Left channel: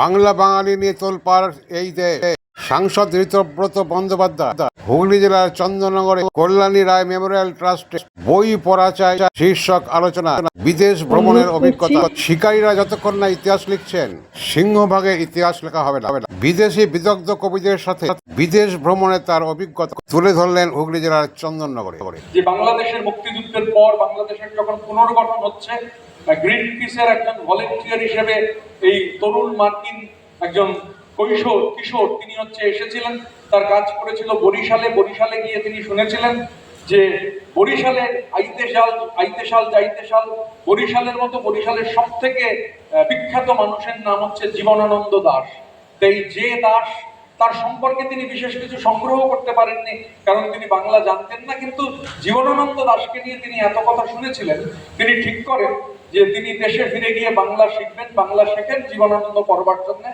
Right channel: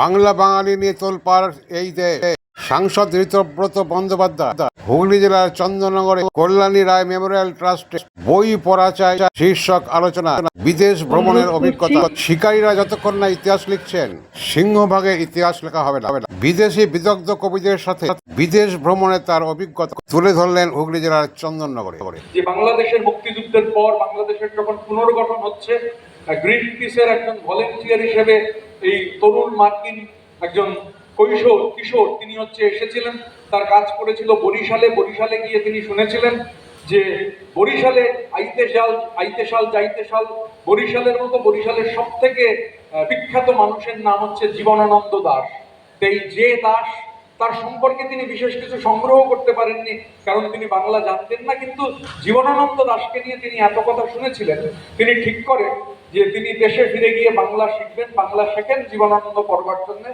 বাংলা বাঙালি নিয়ে তোলপাড় এই দে সাংসদ ঋতব্রত বন্দ্যোপাধ্যায়, হুগলি জেলার চন্দননগরে কল্যাণী রায় মেমোরিয়াল ট্রাস্টে বই পড়া চাই শীর্ষক আলোচনা। বিদেশ ভ্রমণের অভিজ্ঞতা। শিকারীরা যতক্ষণ না ইতিহাস লিখছেন, সিংহভাগের ইতিহাস লেখা হবে না। বিদেশি বিদগ্ধ কবিদের সাথে বিদেশ ভ্রমণে তার অভিজ্ঞতা তুলে ধরলেন হুগলি জেলার চন্দননগরে। যে বাংলাদেশের মুক্তিযুদ্ধের পর বাংলাদেশের যখন পুনর্গঠন হচ্ছে গ্রিন পিসের একজন ভলেন্টিয়ার হিসেবে এই তরুণ মার্কিন একজন কৈশোর, কিশোর, তিনি হচ্ছে এসেছিলেন। তার কাজ করেছিল বরিশালে। বরিশালে গিয়ে তিনি শুনেছিলেন যে বরিশালের আইতেশাল আইতেশাল যাইতেশাল বরিশালের মতো বরিশালের সব থেকে বিখ্যাত মানুষের নাম হচ্ছে জীবনানন্দ দাস। তাই যে দাস, তার সম্পর্কে তিনি বিশেষ কিছু সংগ্রহ করতে পারেননি, কারণ তিনি বাংলা জানতেন না, কিন্তু জীবনানন্দ দাসকে নিয়ে তিনি এত কথা শুনেছিলেন। তিনি ঠিক করেন যে তিনি দেশে ফিরে গিয়ে বাংলা শিখবেন, বাংলা শেখেন জীবনানন্দ করবার জন্য।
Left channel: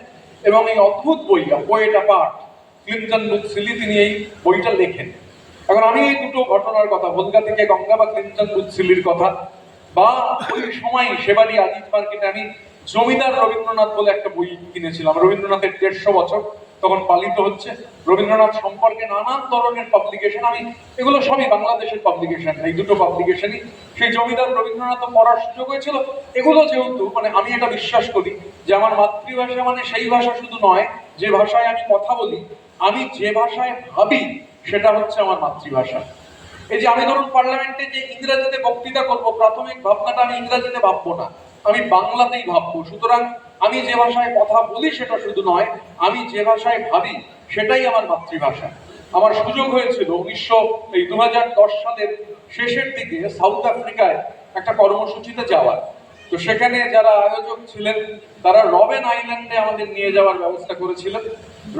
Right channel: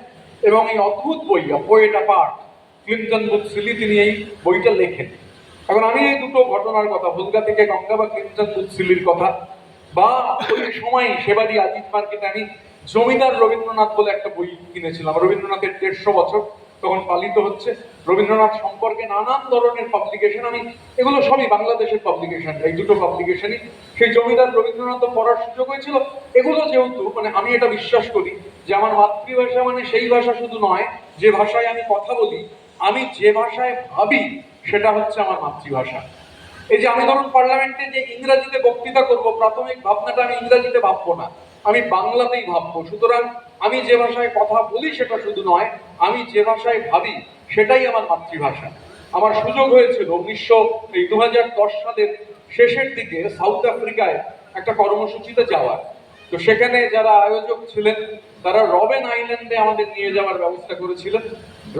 এবং এই অদ্ভুত বই পোয়েটা পাঠ ক্লিন্টন বুথসিলি তিনি এই বইটা লেখেন। এখন আমি এই দুটো ঘটনার কথা ভোলগা থেকে গঙ্গা বা ক্লিন্টন বুথসিলির কথা, বা ওই সময় সেবারি আজিজ মার্কেটে আমি জমিদার রবীন্দ্রনাথ বলে একটা বই কিনেছিলাম, রবীন্দ্রনাথের দেড়শো বছর। তখন পালিত হচ্ছে। রবীন্দ্রনাথ সম্পর্কে নানান ধরনের পাবলিকেশন আমি এগুলো সবই বাংলাদেশের পাবলিকেশন এই দুটো পাবলিকেশনই সেই জমিদার রবীন্দ্রনাথ পড়ার সুযোগ হয়েছিল এগুলো যেহেতু মানে আমি এটা বিশ্বাস করি যে আমার মাতৃভাষা মানে সেই ভাষা শুধু নয়, যে ভাষায় আমি কথা বলি, আমি যে ভাষায় ভাবি, সেটা হচ্ছে আমার মাতৃভাষা। এই যে আমি ধরুন পার্লামেন্টে যে ইংরেজিতে বক্তৃতা করব, প্রাথমিক ভাবনাটা আমি ইংরেজিতে ভাববো না, আমি বাংলাতেই ভাববো। সুতরাং আমি যে ভাষায় কথা বলি সেটা শুধু নয়, আমি যে ভাষায় ভাবি সেটাই আমার মাতৃভাষা। আমার সুযোগ হয়েছিল উনিশশো, এই দু সালের শেষের দিকে সাউথ আফ্রিকায় একটা কর্মসূচিতে যাওয়ার। তো সেখানে যারা আয়োজক ছিলেন, তারা রবেন আইল্যান্ডে আমাদের নিয়ে যাওয়ার ব্যবস্থা করেছিলেন।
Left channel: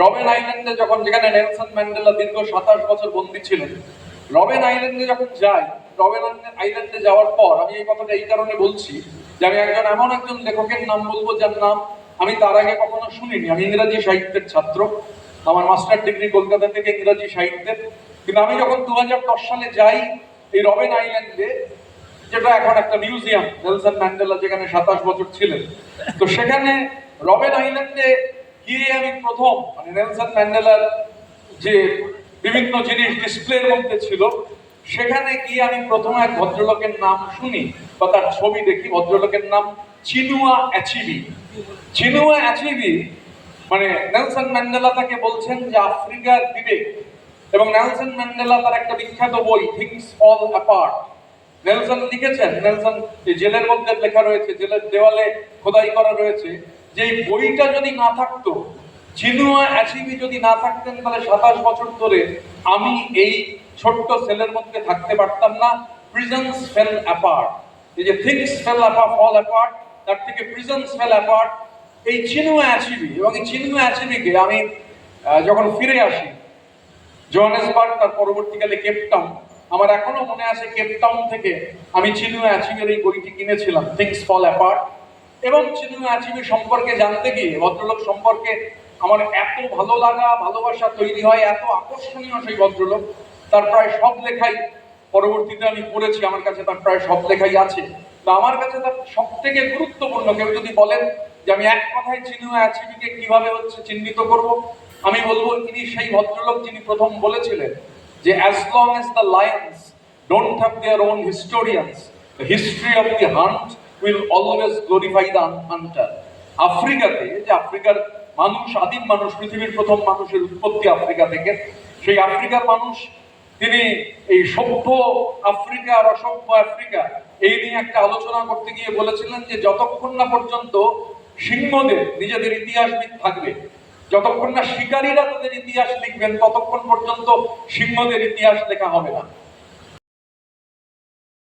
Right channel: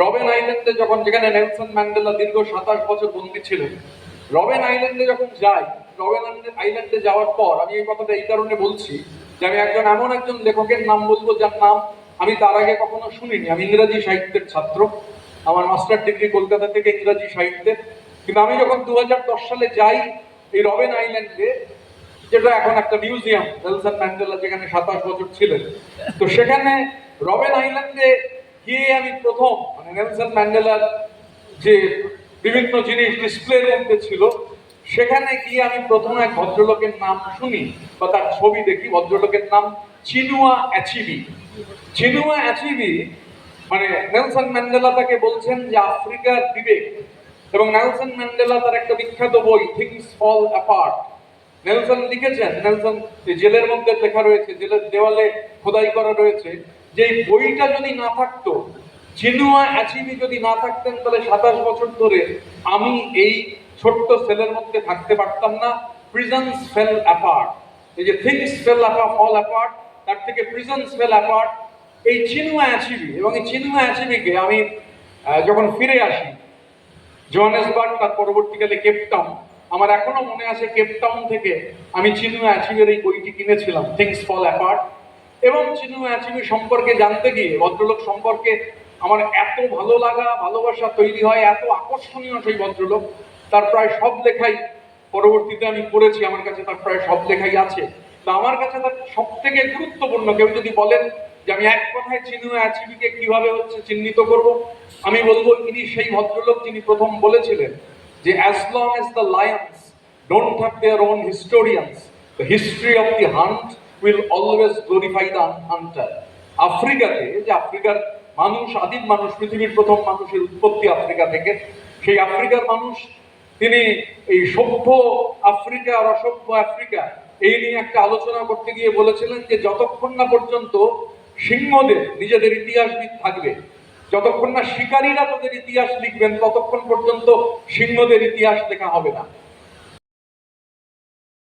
রবেন আইল্যান্ডে যখন, যেখানে নেলসন ম্যান্ডেলা দীর্ঘ সাতাশ বছর বন্দী ছিলেন, রবেন আইল্যান্ডে যখন যাই, রবেন আইল্যান্ডে যাওয়ার পর, আমি এই কথাটা এই কারণে বলছি যে আমি একজন এমন একজন লেখকের নাম বলব যার নাম আমি তার আগে কখনো শুনিনি। আমি ইংরাজি সাহিত্যের ছাত্র। আমার মাস্টার ডিগ্রি কলকাতা থেকে ইংরাজি সাহিত্যের। কিন্তু আমি যখন দু সালে যাই এই রবেন আইল্যান্ডে, যেটা এখন একটা মিউজিয়াম, নেলসন ম্যান্ডেলা যেখানে সাতাশ বছর ছিলেন। তো সেখানে রবেন আইল্যান্ডে গিয়ে আমি প্রথম মানে নেলসন ম্যান্ডেলার যে বিভিন্ন জিনিস ডিসপ্লের মধ্যে ছিল সেখানে গিয়ে আমি প্রথমে এক ভদ্রলোকের নাম শুনি বা তার ছবি দেখি। ভদ্রলোকের নাম চিনুয়া অ্যাচিবি। চিনুয়া অ্যাচিবি মানে নেলসন ম্যান্ডেলা তাকে বলছেন যে আফ্রিকার বিবেক এবং নেলসন ম্যান্ডেলা তার একটা বিখ্যাত বই থিংস ফল অ্যাপার্ট নেলসন লিখেছেন, নেলসন জেলের মধ্যে লেখা রয়েছে, জেলের দেওয়ালে খোদাই করা রয়েছে যে এই বইটা যদি না থাকতো চিনুয়া অ্যাচিবি যদি না থাকতেন, তাহলে সাতাশ বছর ধরে আমি এই ছোট্ট সেলের মধ্যে থাকতে পারতাম না। প্রিজন্স ফেল অ্যাপার্ট এই যে things fell apart fall apart তার থেকে প্রিজন্স ফেল অ্যাপার্ট এই চিনুয়া অ্যাচিবি এবং এই চিনুয়া অ্যাচিবিকে আমি যখন ফিরে আসি, জোহানেসবার্গ তার পরবর্তীকালে কেপটাউন আমার এখনও মনে আছে কেপটাউন থেকে আমি চিনু অ্যাচিভের এই বইটি কিনেছিলাম থিংস ফল অ্যাপার্ট এবং চিনু অ্যাচিভি সম্পর্কে জানতে গিয়ে, ভদ্রলোক সম্পর্কে আমার এত ভালো লাগা, ভালোবাসা তৈরি হয়, এত আকর্ষণীয় সেই ভদ্রলোক। তার প্রায় সব লেখাই পরবর্তীতে আমি পড়েছি, আমার কাছে তার প্রায় সব লেখাই আছে। তো আমার কাছে তার সব থেকে গুরুত্বপূর্ণ, কেউ যদি বলেন যে আমি এক কথায় চিনু অ্যাচিবিকে কীভাবে হচ্ছে চিহ্নিত করব, আমি বলব ইনি সেই ভদ্রলোক যিনি প্রথম বলেছিলেন যে as long as the lions don't have their own historians the history of the hunt will always glorify the hunter আফ্রিকাতে, যে আফ্রিকার মানুষ, আদিম মানুষ, পৃথিবীর প্রথম মানুষের উৎপত্তি আফ্রিকা থেকে। সেই আফ্রিকার মানুষ, তিনি এই সভ্য আফ্রিকা আর অসভ্য আফ্রিকা, এই নিয়ে একটা আলোচনা করতে গিয়ে বলেছিলেন যে, যতক্ষণ না পর্যন্ত সিংহদের নিজেদের ইতিহাসবিদ থাকবে, যতক্ষণ না শিকারীরা তাদের ইতিহাস লিখবেন, ততক্ষণ পর্যন্ত সিংহদের ইতিহাস লেখা হবে না।